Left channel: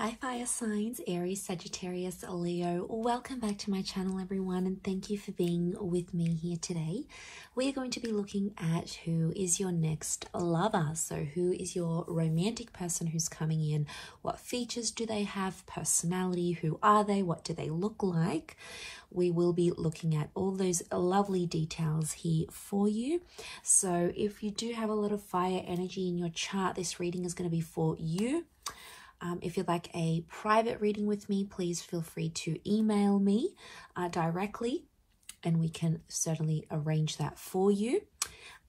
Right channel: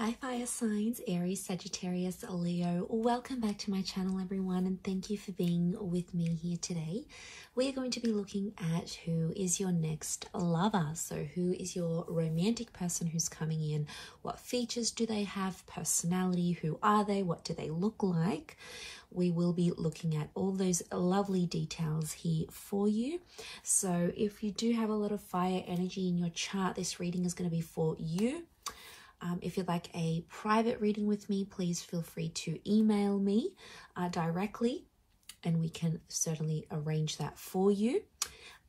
Hi fire signs, Aries, Sagittarius, Leo. Welcome back to my channel everyone, and thank you for being with me here today. We are going to be looking at who is your next lover. So who is your romantic person who's coming in? What features do they have? Personality, who are they? What do they look like? We will be looking at all those lovely details here for you. So if you do have a lot of fire energy in your chart, this reading is going to be for you. If you'd like a private reading with me, please feel free to email me directly, and we can certainly arrange that for you.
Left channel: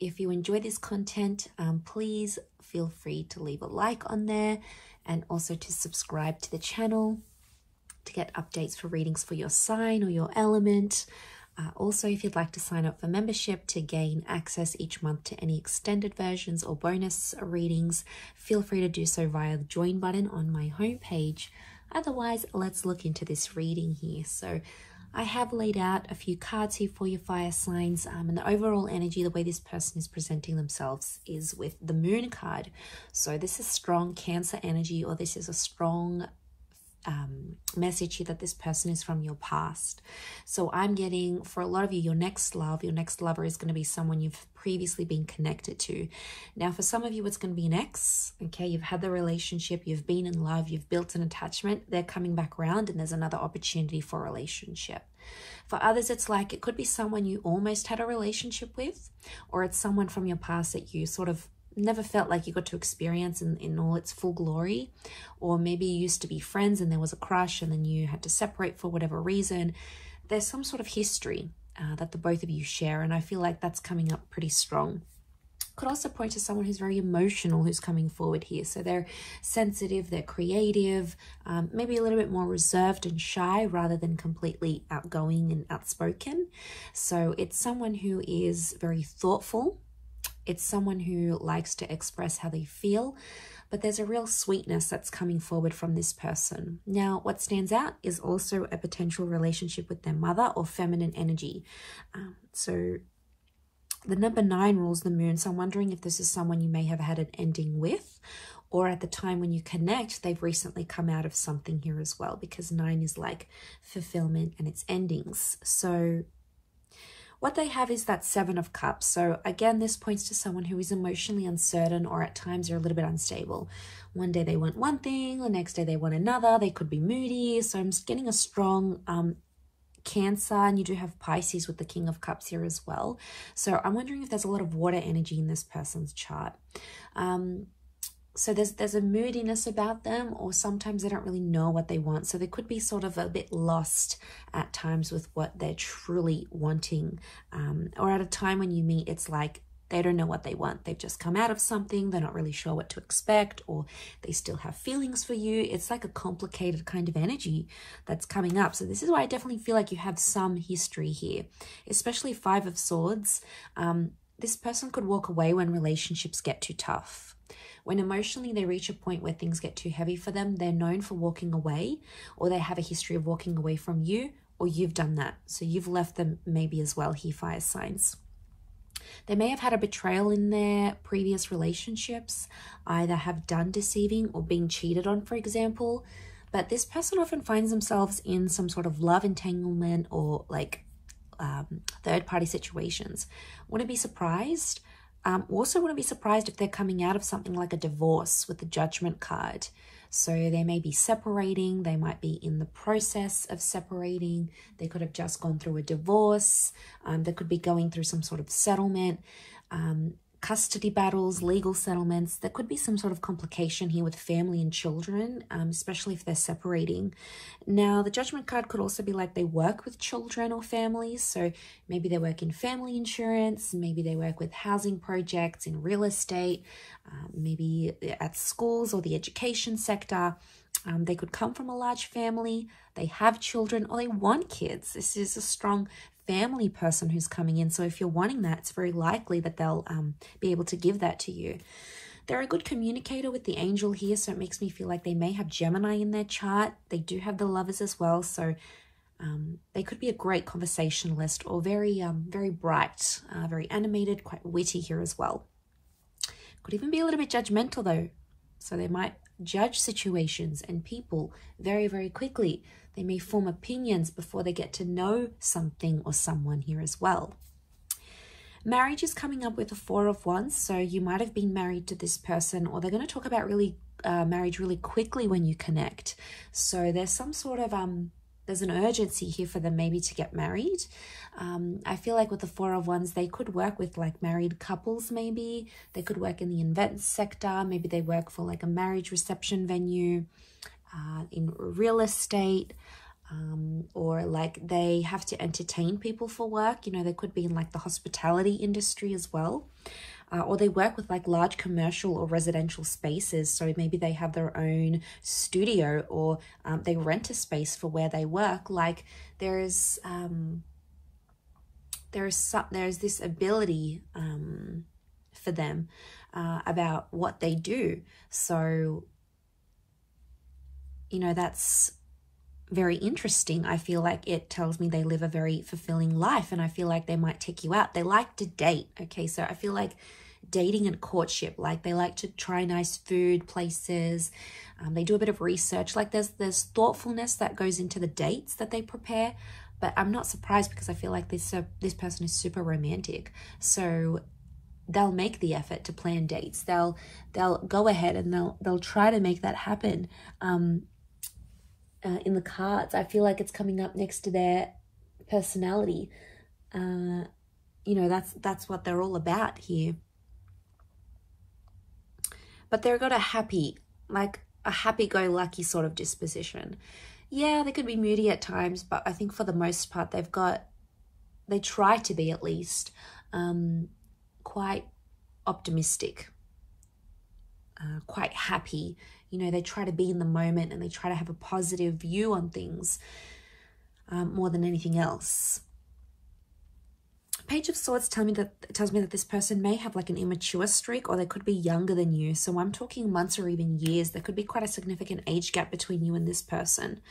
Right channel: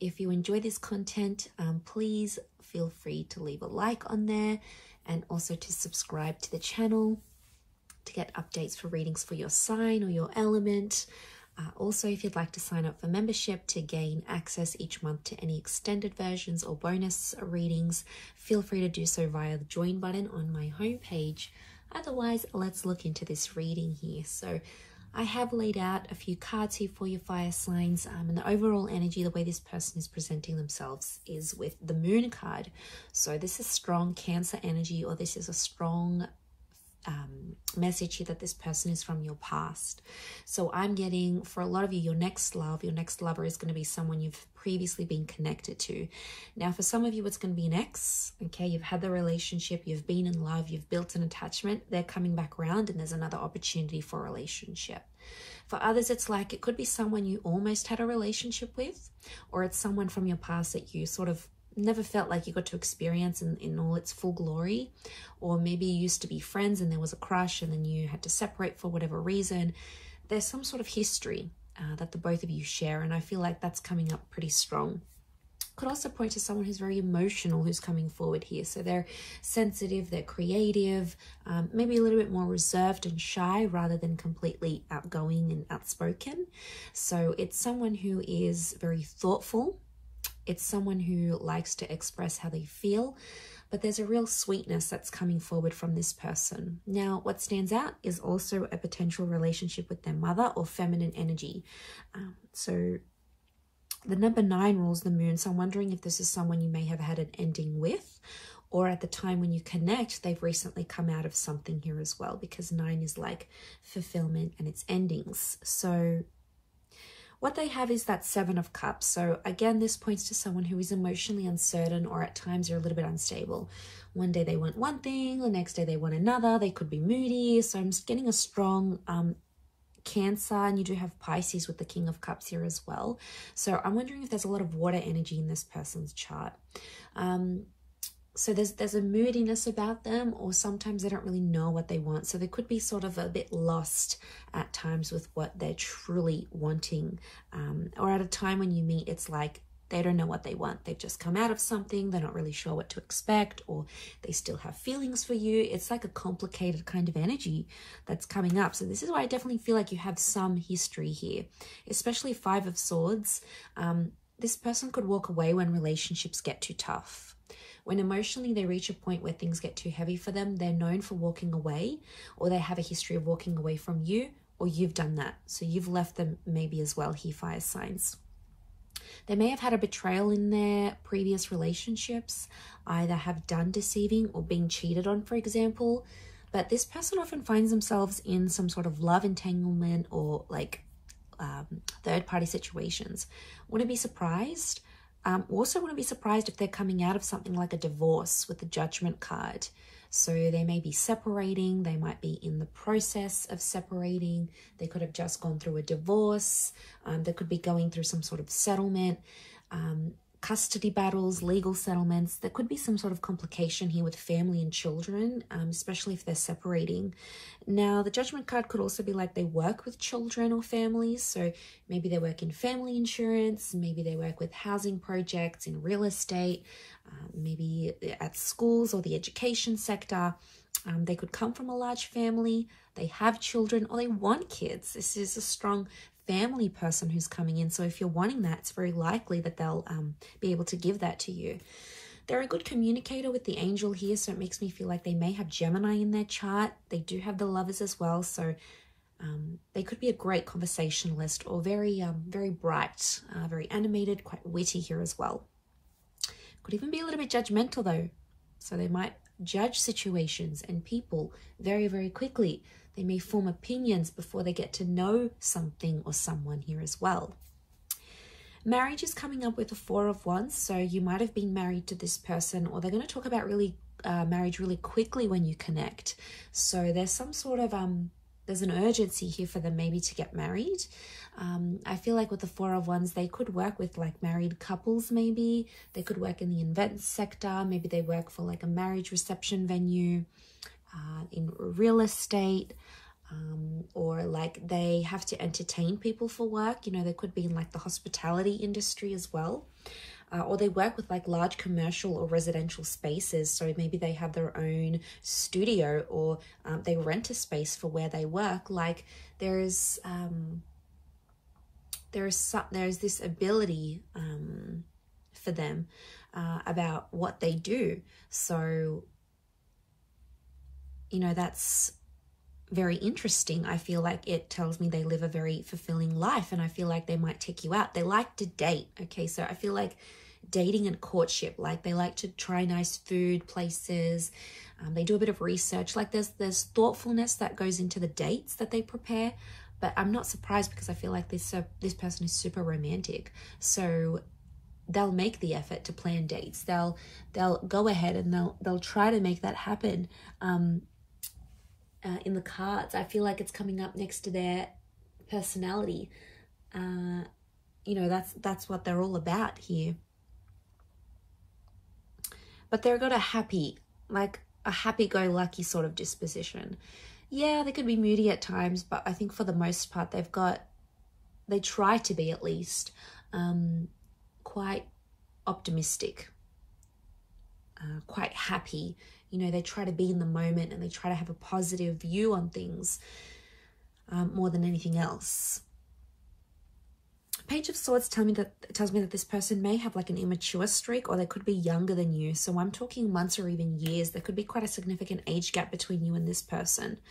If you enjoy this content, please feel free to leave a like on there and also to subscribe to the channel to get updates for readings for your sign or your element. Also, if you'd like to sign up for membership to gain access each month to any extended versions or bonus readings, feel free to do so via the join button on my homepage. Otherwise, let's look into this reading here. So I have laid out a few cards here for your fire signs, and the overall energy, the way this person is presenting themselves is with the moon card. So this is strong Cancer energy, or this is a strong message here that this person is from your past. So I'm getting, for a lot of you, your next lover is going to be someone you've previously been connected to. Now for some of you, it's going to be an ex. Okay, you've had the relationship, you've been in love, you've built an attachment, they're coming back around and there's another opportunity for a relationship. For others, it's like it could be someone you almost had a relationship with, or it's someone from your past that you sort of never felt like you got to experience in all its full glory. Or maybe you used to be friends and there was a crush and then you had to separate for whatever reason. There's some sort of history that the both of you share, and I feel like that's coming up pretty strong. Could also point to someone who's very emotional who's coming forward here. So they're sensitive, they're creative, maybe a little bit more reserved and shy rather than completely outgoing and outspoken. So it's someone who is very thoughtful. It's someone who likes to express how they feel, but there's a real sweetness that's coming forward from this person. Now, what stands out is also a potential relationship with their mother or feminine energy. So the number 9 rules the moon. So I'm wondering if this is someone you may have had an ending with, or at the time when you connect, they've recently come out of something here as well, because 9 is like fulfillment and it's endings. So what they have is that 7 of Cups. So again, this points to someone who is emotionally uncertain, or at times they're a little bit unstable. One day they want one thing, the next day they want another. They could be moody. So I'm just getting a strong Cancer, and you do have Pisces with the King of Cups here as well. So I'm wondering if there's a lot of water energy in this person's chart. So there's a moodiness about them, or sometimes they don't really know what they want. So they could be sort of a bit lost at times with what they're truly wanting. Or at a time when you meet, it's like they don't know what they want. They've just come out of something. They're not really sure what to expect, or they still have feelings for you. It's like a complicated kind of energy that's coming up. So this is why I definitely feel like you have some history here, especially 5 of Swords. This person could walk away when relationships get too tough. When emotionally they reach a point where things get too heavy for them, they're known for walking away, or they have a history of walking away from you, or you've done that. So you've left them maybe as well here, fire signs. They may have had a betrayal in their previous relationships, either have done deceiving or being cheated on, for example. But this person often finds themselves in some sort of love entanglement or like third-party situations. Wouldn't be surprised. Also wouldn't be surprised if they're coming out of something like a divorce with the Judgment card. So they may be separating, they might be in the process of separating, they could have just gone through a divorce, they could be going through some sort of settlement, custody battles, legal settlements. There could be some sort of complication here with family and children, especially if they're separating. Now, the Judgment card could also be like they work with children or families. So maybe they work in family insurance, maybe they work with housing projects, in real estate, maybe at schools or the education sector. They could come from a large family, they have children, or they want kids. This is a strong family person who's coming in. So if you're wanting that, it's very likely that they'll be able to give that to you. They're a good communicator with the angel here, so it makes me feel like they may have Gemini in their chart. They do have the Lovers as well, so they could be a great conversationalist, or very bright, very animated, quite witty here as well. Could even be a little bit judgmental though. So they might judge situations and people very, very quickly. They may form opinions before they get to know something or someone here as well. Marriage is coming up with the Four of Wands, so you might have been married to this person, or they're going to talk about marriage really quickly when you connect. So there's some sort of there's an urgency here for them maybe to get married. I feel like with the Four of Wands, they could work with like married couples maybe. They could work in the events sector. Maybe they work for like a marriage reception venue, in real estate, or like they have to entertain people for work. You know, they could be in like the hospitality industry as well. Or they work with like large commercial or residential spaces. So maybe they have their own studio, or they rent a space for where they work. Like there's this ability for them about what they do. So, you know, that's very interesting. I feel like it tells me they live a very fulfilling life, and I feel like they might take you out. They like to date. Okay, so I feel like dating and courtship, like they like to try nice food places. They do a bit of research. Like there's thoughtfulness that goes into the dates that they prepare. But I'm not surprised, because I feel like this person is super romantic. So they'll make the effort to plan dates. They'll go ahead and they'll try to make that happen. In the cards, I feel like it's coming up next to their personality. You know, that's what they're all about here. But they've got a happy-go-lucky sort of disposition. Yeah, they could be moody at times, but I think for the most part, they try to be at least quite optimistic, quite happy. You know, they try to be in the moment, and they try to have a positive view on things more than anything else. Page of Swords tells me that this person may have like an immature streak, or they could be younger than you. So I'm talking months or even years. There could be quite a significant age gap between you and this person.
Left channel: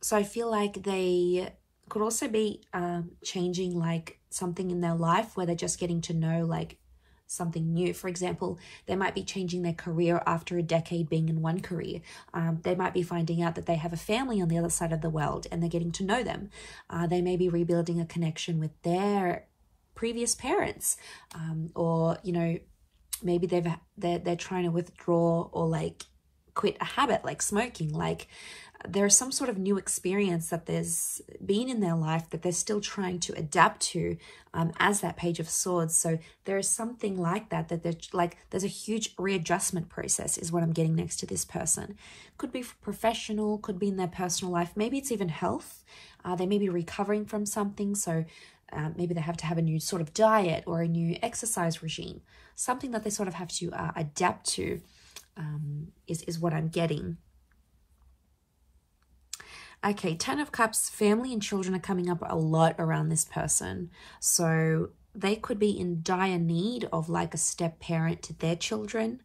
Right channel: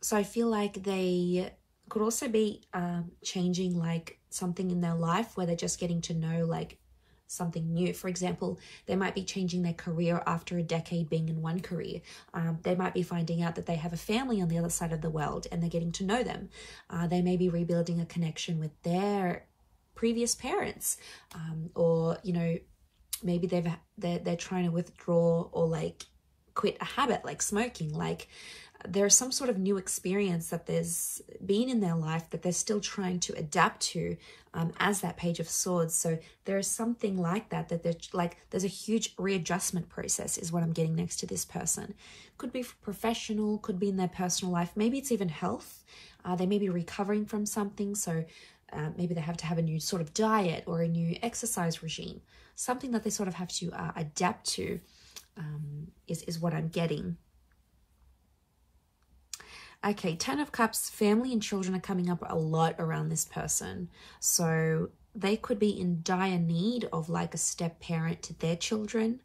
So I feel like they could also be changing like something in their life, where they're just getting to know like something new. For example, they might be changing their career after a decade being in one career. They might be finding out that they have a family on the other side of the world, and they're getting to know them. They may be rebuilding a connection with their previous parents, or you know, maybe they're trying to withdraw or like quit a habit like smoking. Like there's some sort of new experience that there's been in their life that they're still trying to adapt to, as that Page of Swords. So there is something like that there's a huge readjustment process is what I'm getting next to this person. Could be professional, could be in their personal life. Maybe it's even health. They may be recovering from something. So maybe they have to have a new sort of diet or a new exercise regime. Something that they sort of have to adapt to is what I'm getting. Okay, Ten of Cups, family and children are coming up a lot around this person. So they could be in dire need of like a step parent to their children.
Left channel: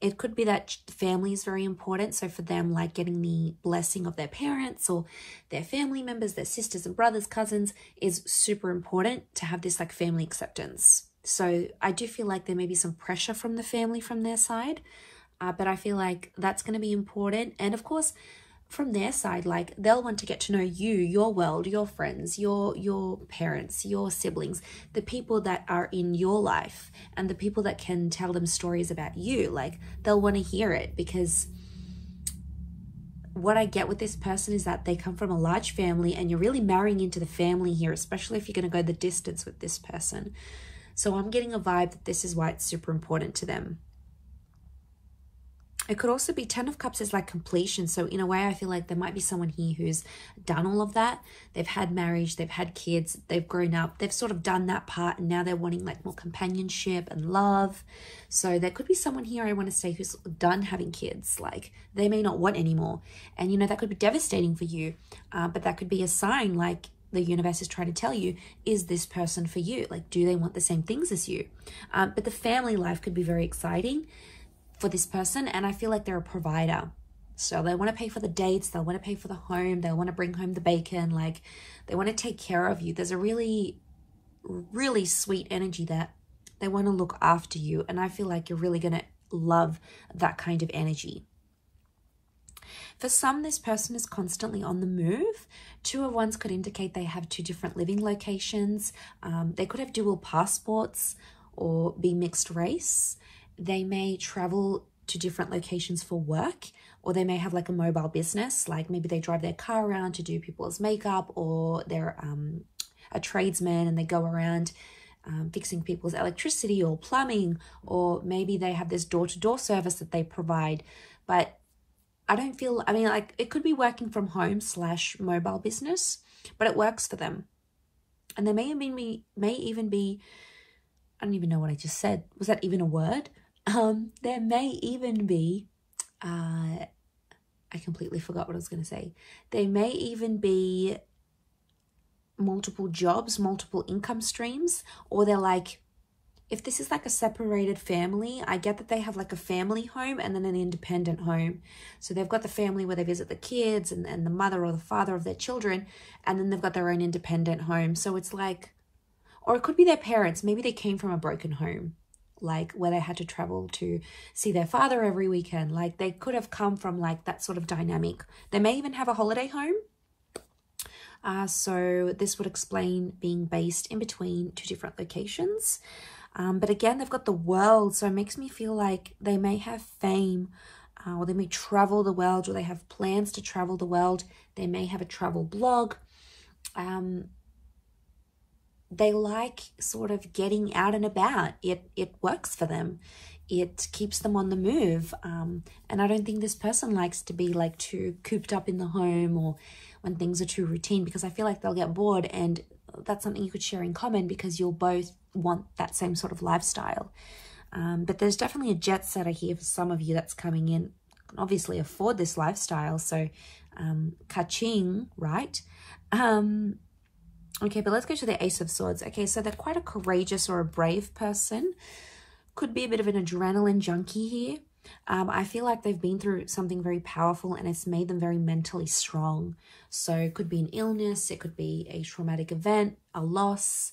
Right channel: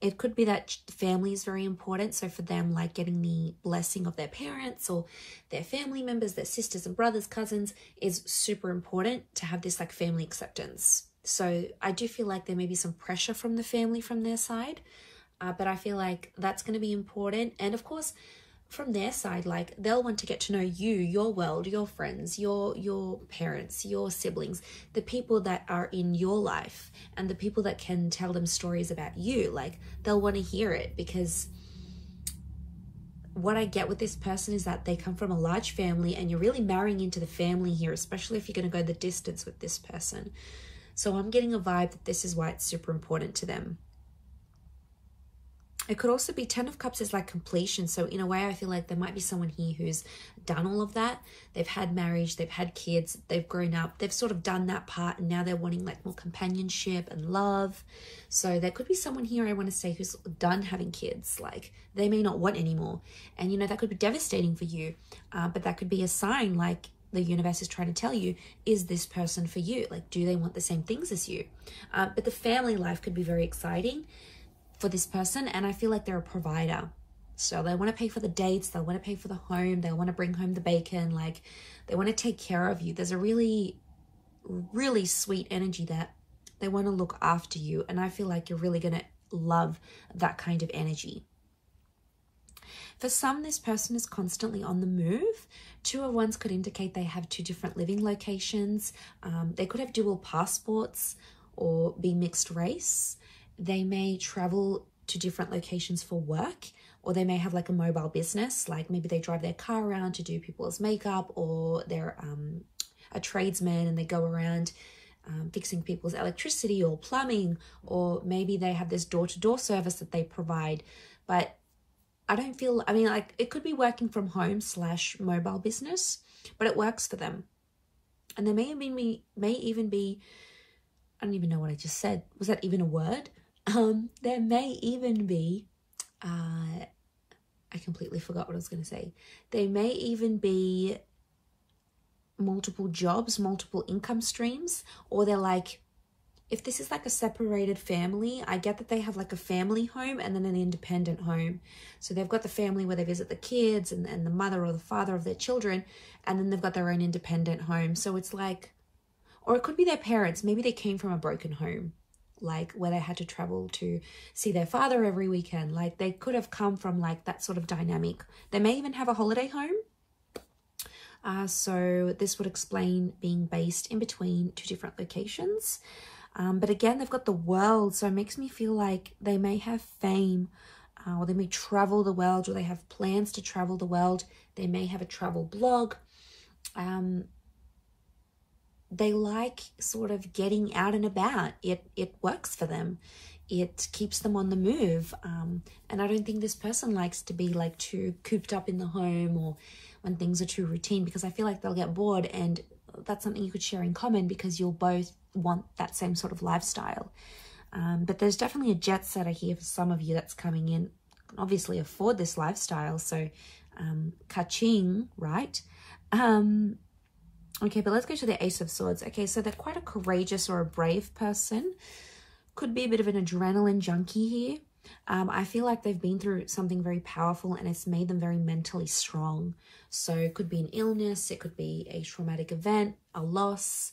It could be that family is very important. So for them, like getting the blessing of their parents or their family members, their sisters and brothers, cousins, is super important to have this like family acceptance. So I do feel like there may be some pressure from the family from their side, but I feel like that's going to be important. And of course, from their side, like they'll want to get to know you, your world, your friends, your parents, your siblings, the people that are in your life, and the people that can tell them stories about you. Like they'll want to hear it, because what I get with this person is that they come from a large family, and you're really marrying into the family here, especially if you're going to go the distance with this person. So I'm getting a vibe that this is why it's super important to them. It could also be Ten of Cups is like completion. So in a way, I feel like there might be someone here who's done all of that. They've had marriage, they've had kids, they've grown up, they've sort of done that part, and now they're wanting like more companionship and love. So there could be someone here, I want to say, who's done having kids. Like they may not want anymore. And you know, that could be devastating for you, but that could be a sign, like the universe is trying to tell you, is this person for you? Like, do they want the same things as you? But the family life could be very exciting for this person, and I feel like they're a provider. So they want to pay for the dates, they'll want to pay for the home, they'll want to bring home the bacon, like they want to take care of you. There's a really, really sweet energy that they want to look after you, and I feel like you're really going to love that kind of energy. For some, this person is constantly on the move. 2 of Wands could indicate they have 2 different living locations. They could have dual passports or be mixed race. They may travel to different locations for work, or they may have like a mobile business, like maybe they drive their car around to do people's makeup, or they're a tradesman and they go around fixing people's electricity or plumbing, or maybe they have this door-to-door service that they provide. But I don't feel, I mean, like it could be working from home / mobile business, but it works for them. And there may even be, I don't even know what I just said. Was that even a word? There may even be, I completely forgot what I was going to say. There may even be multiple jobs, multiple income streams, or they're like, if this is like a separated family, I get that they have like a family home and then an independent home. So they've got the family where they visit the kids and the mother or the father of their children, and then they've got their own independent home. So it's like, or it could be their parents. Maybe they came from a broken home, like where they had to travel to see their father every weekend. Like they could have come from like that sort of dynamic. They may even have a holiday home. So this would explain being based in between 2 different locations. But again, they've got the world, so it makes me feel like they may have fame, or they may travel the world, or they have plans to travel the world. They may have a travel blog. They like sort of getting out and about. It works for them. It keeps them on the move. And I don't think this person likes to be like too cooped up in the home, or when things are too routine, because I feel like they'll get bored, and that's something you could share in common because you'll both want that same sort of lifestyle. But there's definitely a jet setter here for some of you that's coming in. Can obviously afford this lifestyle, so ka-ching, right? Okay, but let's go to the Ace of Swords. Okay, so they're quite a courageous or a brave person. Could be a bit of an adrenaline junkie here. I feel like they've been through something very powerful and it's made them very mentally strong. So it could be an illness, it could be a traumatic event, a loss,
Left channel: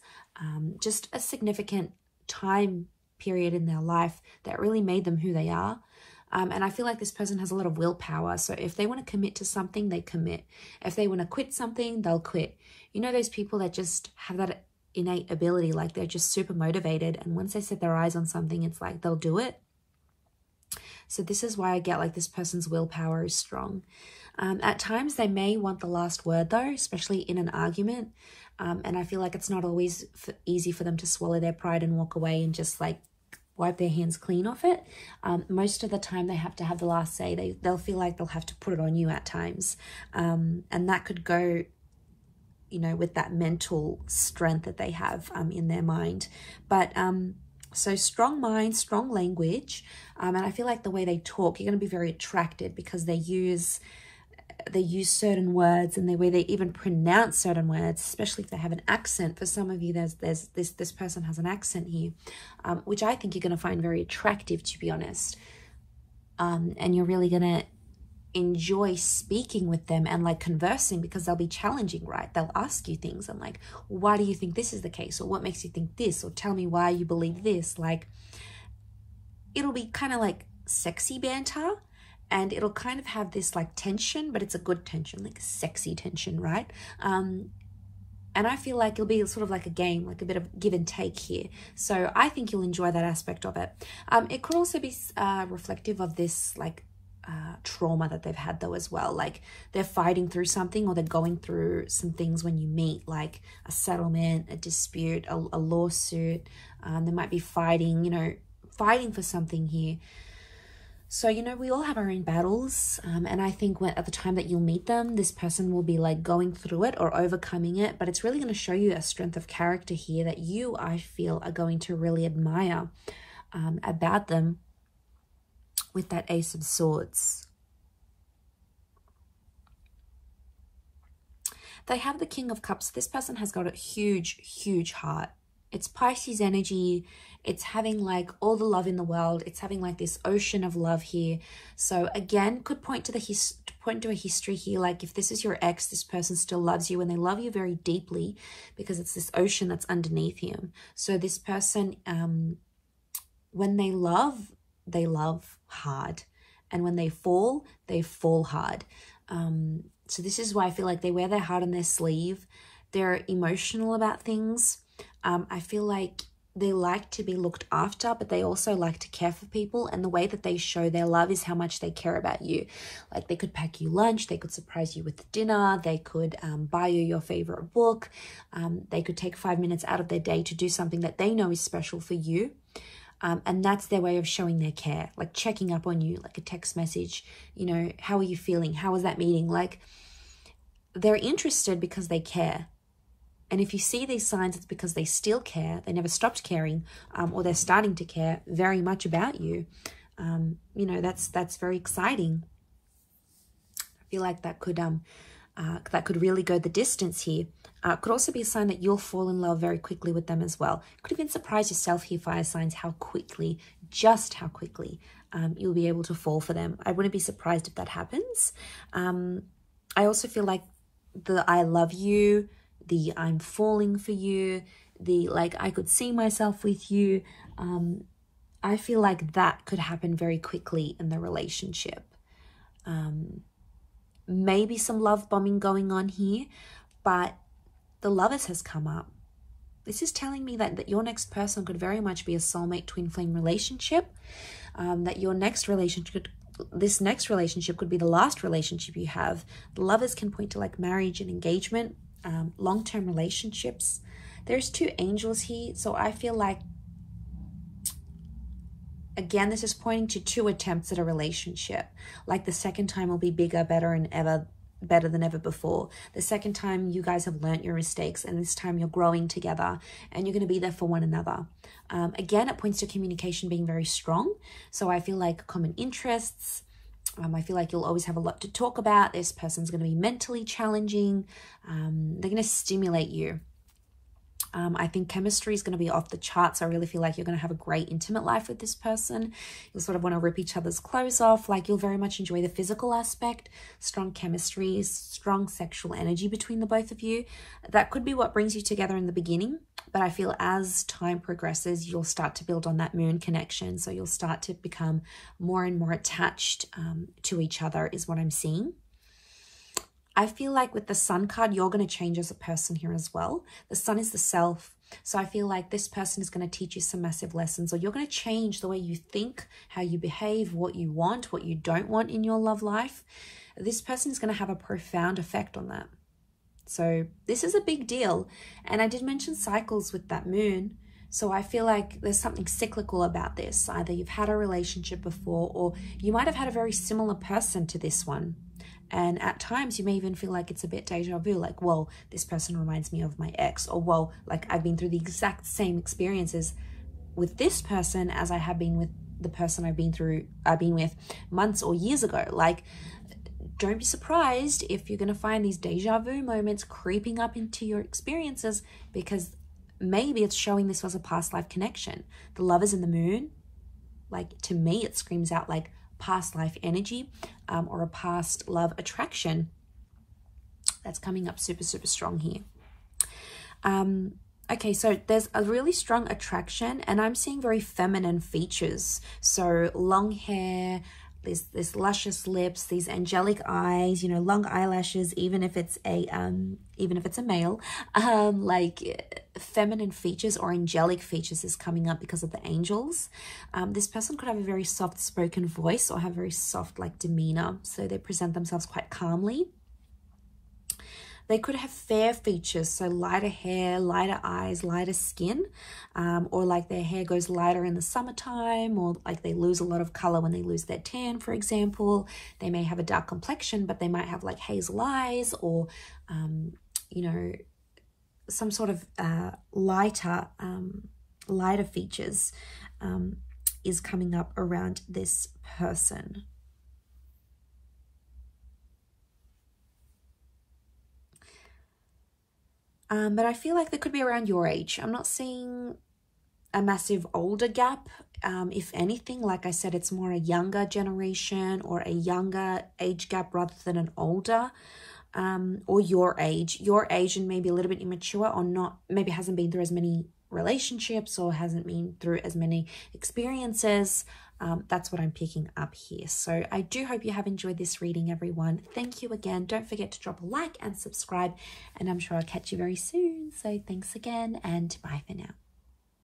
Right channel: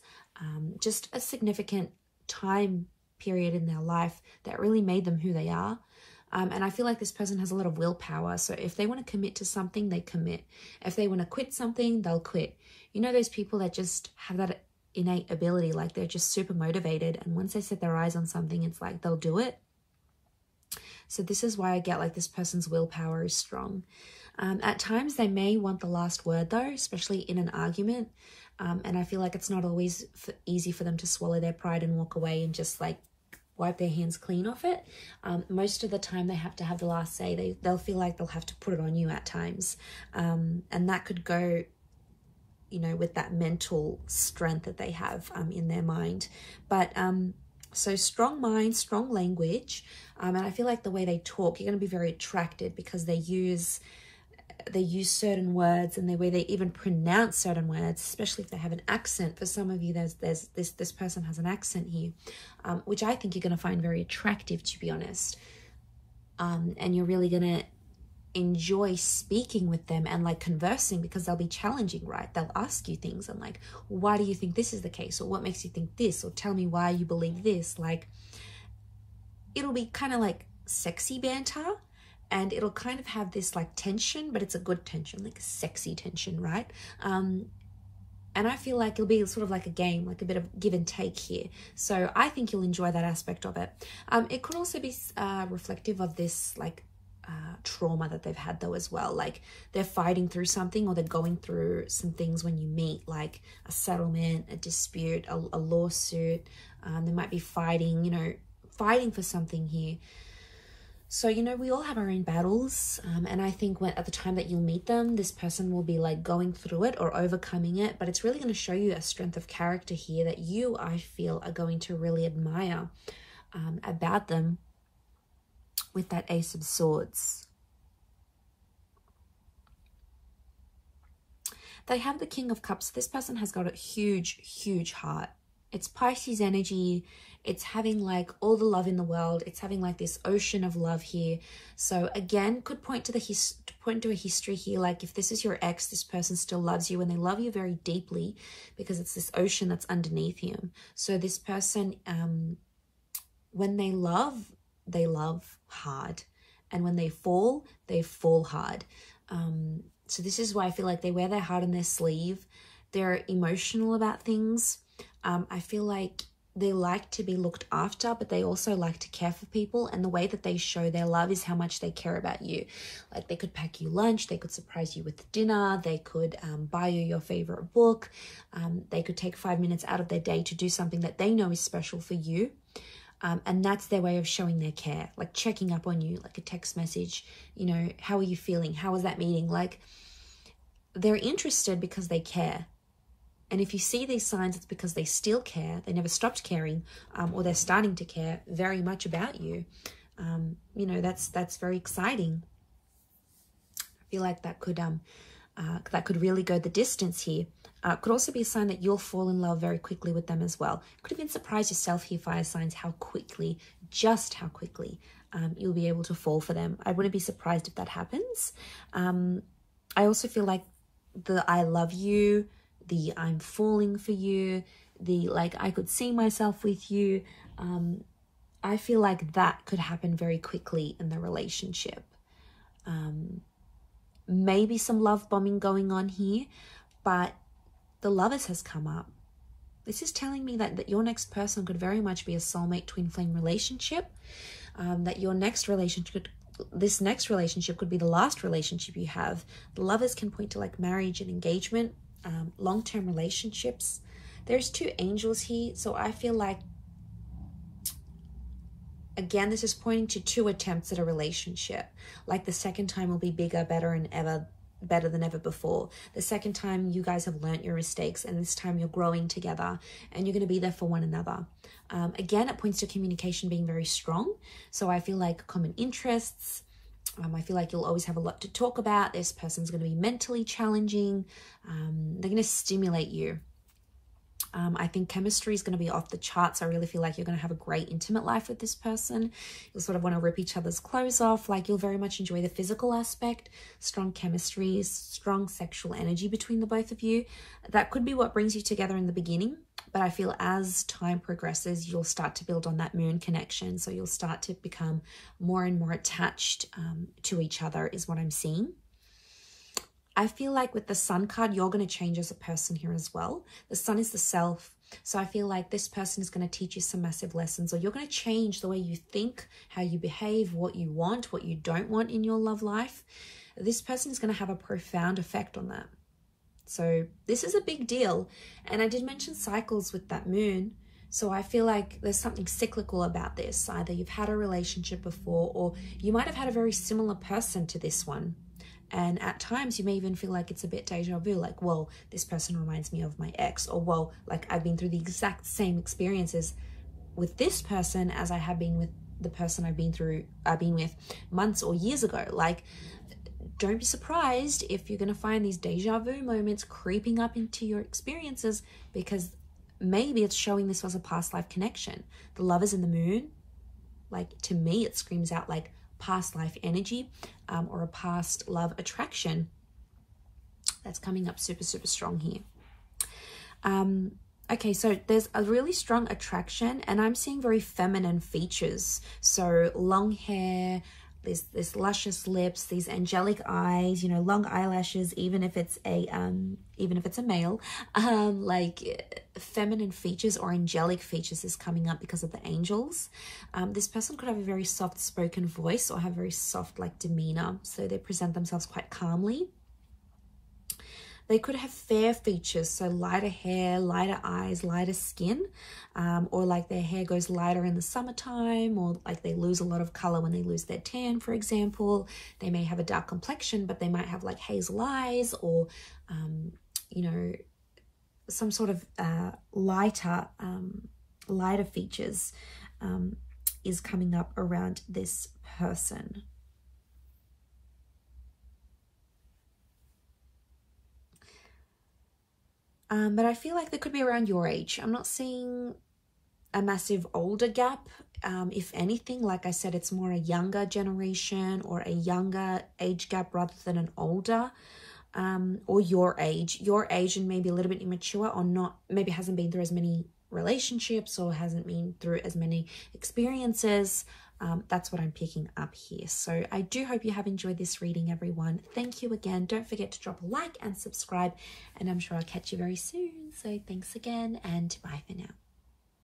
just a significant time period in their life that really made them who they are. And I feel like this person has a lot of willpower. So if they want to commit to something, they commit. If they want to quit something, they'll quit. You know, those people that just have that innate ability, like they're just super motivated. And once they set their eyes on something, it's like they'll do it. So this is why I get like this person's willpower is strong. At times they may want the last word though, especially in an argument. And I feel like it's not always easy for them to swallow their pride and walk away and just like wipe their hands clean off it. Most of the time they have to have the last say. They'll feel like they'll have to put it on you at times. And that could go, you know, with that mental strength that they have in their mind. But so strong mind, strong language. And I feel like the way they talk, you're going to be very attracted because they use certain words, and the way they even pronounce certain words, especially if they have an accent. For some of you, this person has an accent here, which I think you're going to find very attractive, to be honest. And you're really going to enjoy speaking with them and like conversing, because they'll be challenging, right? They'll ask you things and like, why do you think this is the case? Or what makes you think this? Or tell me why you believe this. Like, it'll be kind of like sexy banter. And it'll kind of have this like tension, but it's a good tension, like a sexy tension, right? And I feel like it'll be sort of like a game, like a bit of give and take here. So I think you'll enjoy that aspect of it. It could also be reflective of this like trauma that they've had though as well. Like they're fighting through something, or they're going through some things when you meet, like a settlement, a dispute, a lawsuit. They might be fighting, you know, fighting for something here. So, you know, we all have our own battles, and I think at the time that you'll meet them, this person will be like going through it or overcoming it, but it's really going to show you a strength of character here that you, I feel, are going to really admire about them with that Ace of Swords. They have the King of Cups. This person has got a huge, huge heart. It's Pisces energy. It's having like all the love in the world. It's having like this ocean of love here. So again, could point to a history here. Like if this is your ex, this person still loves you, and they love you very deeply because it's this ocean that's underneath him. So this person, when they love, they love hard. And when they fall hard. So this is why I feel like they wear their heart on their sleeve. They're emotional about things. I feel like they like to be looked after, but they also like to care for people. And the way that they show their love is how much they care about you. Like they could pack you lunch, they could surprise you with dinner, they could buy you your favorite book. They could take 5 minutes out of their day to do something that they know is special for you. And that's their way of showing their care, like checking up on you, like a text message, you know, how are you feeling? How was that meeting? Like they're interested because they care. And if you see these signs, it's because they still care. They never stopped caring, or they're starting to care very much about you. You know, that's very exciting. I feel like that could really go the distance here. Could also be a sign that you'll fall in love very quickly with them as well. Could even surprise yourself here, fire signs, how quickly, just how quickly you'll be able to fall for them. I wouldn't be surprised if that happens. I also feel like the I love you, the I'm falling for you, the like I could see myself with you. I feel like that could happen very quickly in the relationship. Maybe some love bombing going on here, but the Lovers has come up. This is telling me that your next person could very much be a soulmate twin flame relationship, that your next relationship, this next relationship could be the last relationship you have. The Lovers can point to like marriage and engagement, long-term relationships. There's 2 angels here, so I feel like, again, this is pointing to 2 attempts at a relationship. Like the second time will be bigger, better than ever before. The second time you guys have learnt your mistakes, and this time you're growing together and you're going to be there for one another. Again, it points to communication being very strong. So I feel like common interests. I feel like you'll always have a lot to talk about. This person's going to be mentally challenging. They're going to stimulate you. I think chemistry is going to be off the charts. I really feel like you're going to have a great intimate life with this person. You'll sort of want to rip each other's clothes off. Like you'll very much enjoy the physical aspect. Strong chemistry, strong sexual energy between the both of you. That could be what brings you together in the beginning. But I feel as time progresses, you'll start to build on that moon connection. So you'll start to become more and more attached to each other is what I'm seeing. I feel like with the Sun card, you're going to change as a person here as well. The Sun is the self. So I feel like this person is going to teach you some massive lessons, or you're going to change the way you think, how you behave, what you want, what you don't want in your love life. This person is going to have a profound effect on that. So this is a big deal. And I did mention cycles with that moon. So I feel like there's something cyclical about this. Either you've had a relationship before, or you might have had a very similar person to this one. And at times you may even feel like it's a bit deja vu, like, well, this person reminds me of my ex, or, well, like I've been through the exact same experiences with this person as I have been with the person I've been with months or years ago. Like, don't be surprised if you're going to find these deja vu moments creeping up into your experiences, because maybe it's showing this was a past life connection. The Lovers in the moon, like, to me, it screams out like past life energy, or a past love attraction that's coming up super, super strong here. Okay, so there's a really strong attraction, and I'm seeing very feminine features. So long hair, this luscious lips, these angelic eyes, you know, long eyelashes, even if it's a male, like feminine features or angelic features is coming up because of the angels. This person could have a very soft spoken voice or have very soft like demeanor, so they present themselves quite calmly. They could have fair features, so lighter hair, lighter eyes, lighter skin, or like their hair goes lighter in the summertime, or like they lose a lot of color when they lose their tan, for example. They may have a dark complexion, but they might have like hazel eyes, or, you know, some sort of lighter features is coming up around this person. But I feel like they could be around your age. I'm not seeing a massive older gap. If anything, like I said, it's more a younger generation or a younger age gap rather than an older, or your age and maybe a little bit immature, or not, maybe hasn't been through as many relationships or hasn't been through as many experiences. That's what I'm picking up here. So I do hope you have enjoyed this reading, everyone. Thank you again. Don't forget to drop a like and subscribe, and I'm sure I'll catch you very soon. So thanks again, and bye for now.